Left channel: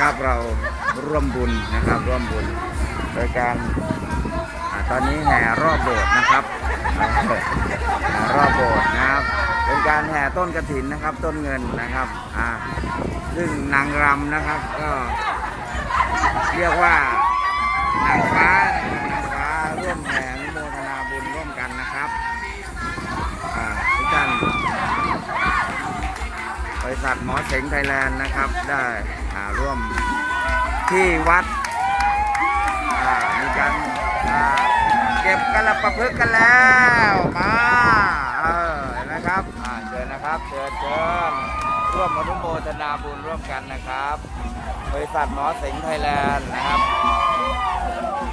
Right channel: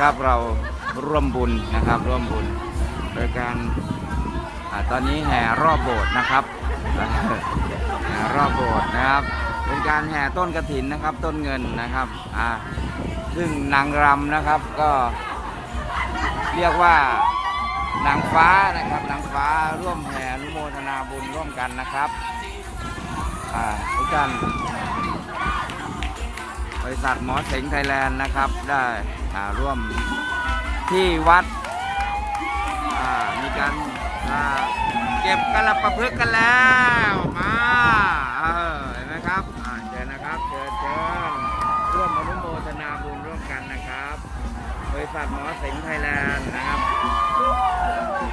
นะครับเราร่วมบุญนะครับร่วมบุญ โดยการอตอนนี้แห่รอบโบสถ์นะครับแห่รอบโบสถ์นะครับ เป็นการแห่ต้นกระถินนะครับต้นเงินนะครับอ่าซึ่งนางรำนะครับก็เรียกว่านางฟ้านะครับนางฟ้าร่วมแห่อนุโมทนาบุญร่วมกันนะครับอ่าทุกท่านบริษัทหมอเสงไทยแลนด์นะครับได้ ร่วมที่วัดมีการเก็บกระประพฤกษ์กันแล้วมาเออเห็นไหมครับเชิญนะครับเชิญเชิญร่วมอนุโมทนาบุญร่วมกันนะครับบริษัทหมอสิงห์ไทยแลนด์นะครับ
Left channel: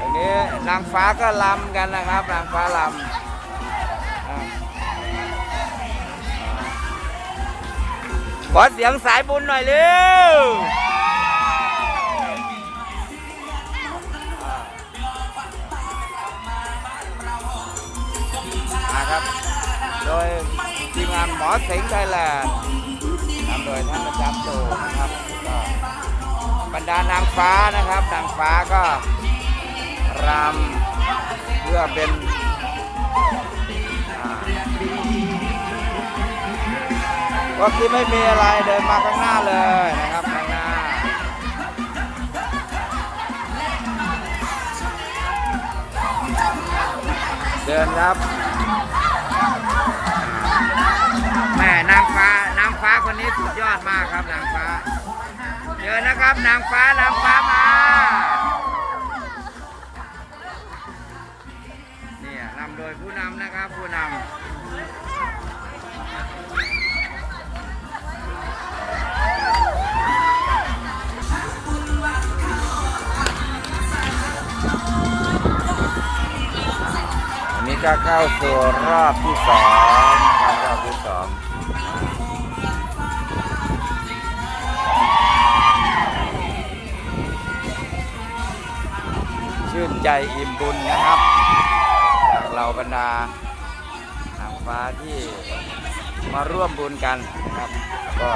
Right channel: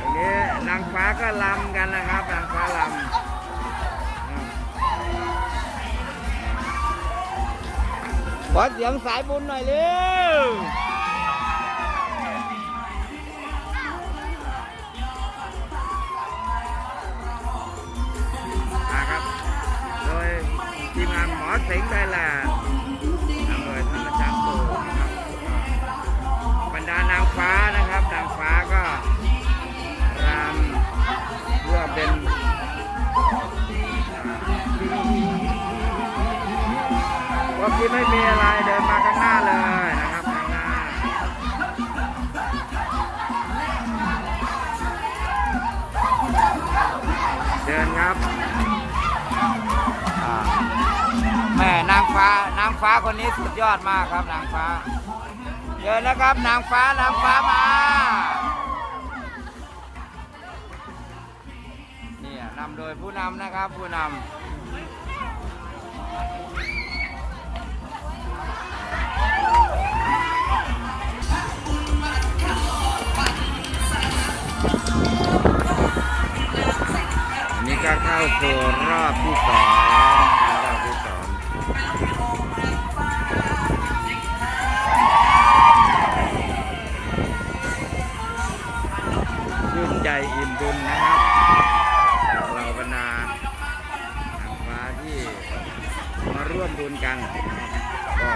อันนี้นางฟ้าก็ลำกันนะครับนางฟ้าลำอ่าขอเสียงสายบุญหน่อยเร็ว ทีมงานหมอสิงห์ไทยแลนด์นำโดยท่านอาจารย์โตนะครับก็บรรดานางฟ้านะครับ นางฟ้าก็รำเพื่อเป็นอ่าก็คือไม่มีอะไรเดินมาข้างหน้าเลยนะครับข้างหน้าเดินครับ แม่นางฟ้านางฟ้าคนนี้สุดยอดมากครับนางฟ้าเยอะนะครับนางฟ้านางฟ้ามาเนี่ยนำโดยผู้นำนะครับผู้นำ ก็เข้าสู่รอบที่สองครับรอบที่สองชื่นใจอิ่มบุญนะครับจากเราบรรดานางฟ้าที่มาร่วมบุญกันนะครับก็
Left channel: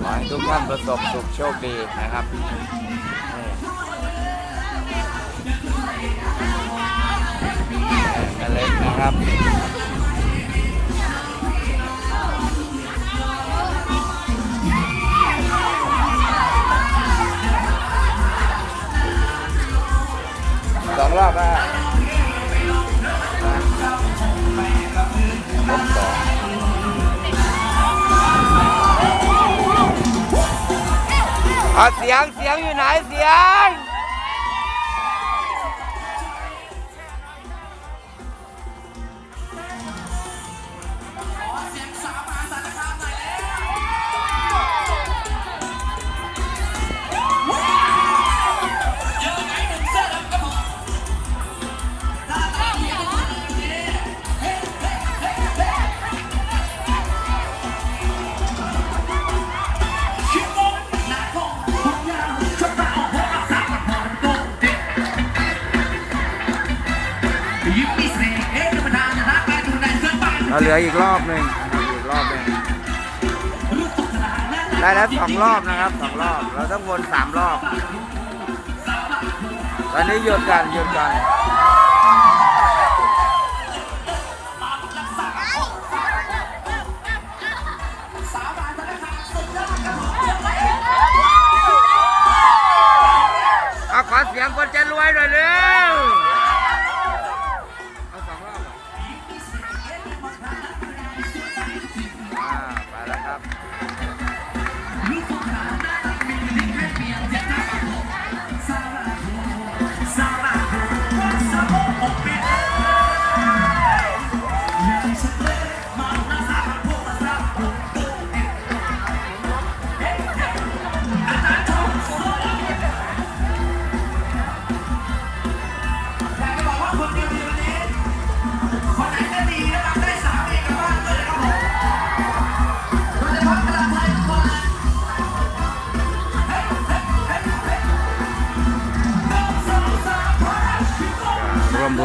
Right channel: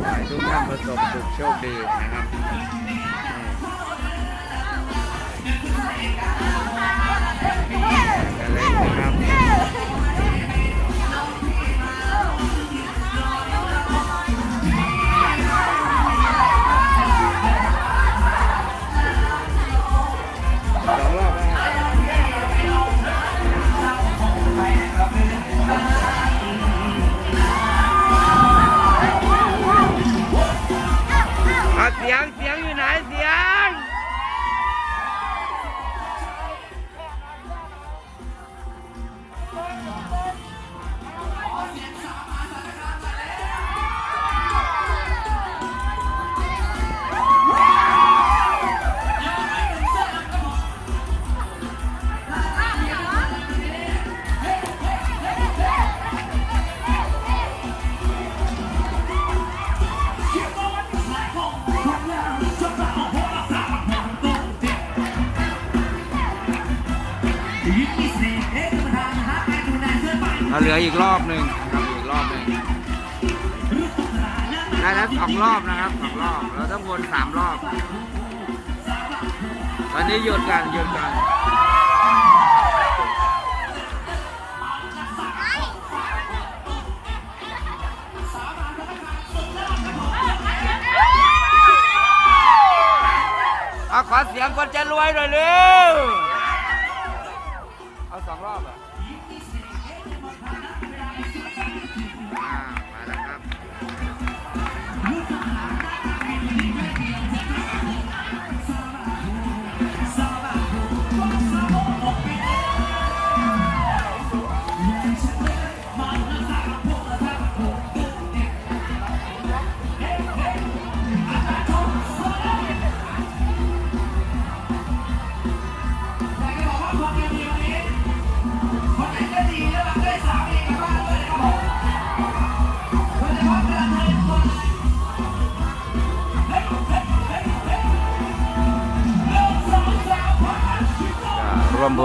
ขอให้ทุกท่านประสบสุขโชคดีนะครับ เล็กนะครับ เราเหลืออีกรอบหนึ่งนะครับอีกรอบหนึ่งได้แล้วสองรอบนะครับสองรอบ เราต้องวนสามรอบ ตอนนี้หยุดกันหยุดกันเอาขอเสียงคนจะรวยหน่อยเร็ว เอาสองรอบเห อ่าไปแล้วครับ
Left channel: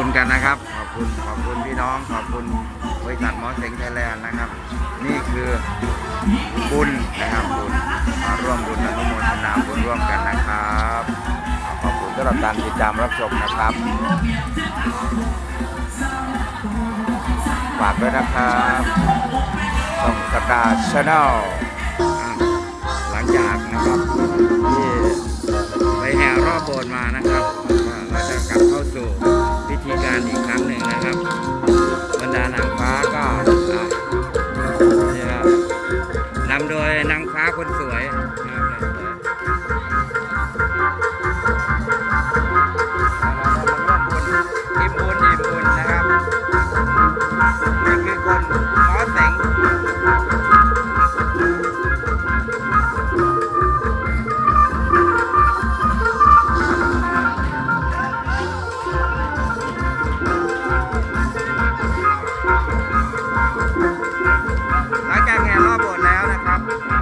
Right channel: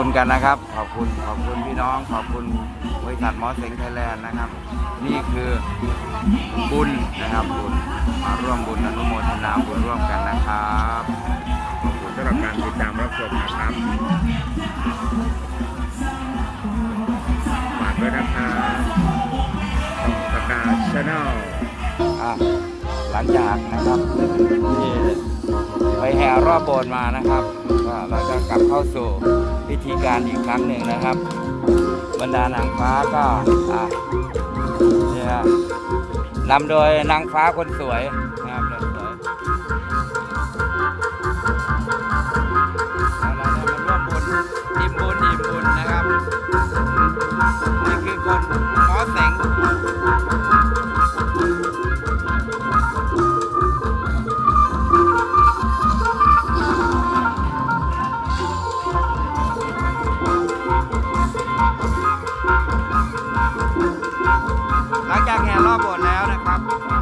วมบุญกันนะครับ ขอบคุณขอบคุณพี่น้อง ขอบคุณบริษัทหมอเสงไทยแลนด์นะครับ นี่คือบุญนะครับบุญมาร่วมบุญอนุโมทนาบุญร่วมกันนะครับขอบคุณสำหรับการติดตามรับชมนะครับฝากด้วยนะครับช่งสกาชาแนลหลังจากนะครับที่ ไปแห่รอบโบสถ์มานะครับก็เราจะกลับเข้าสู่พิธีการอีกครั้งหนึ่งนะครับ บรรดานางฟ้าก็อะนี่ครับนำโดยนางฟ้าคนสวยนะครับ หลังจากแห่รอบโบสถ์แล้วนะครับ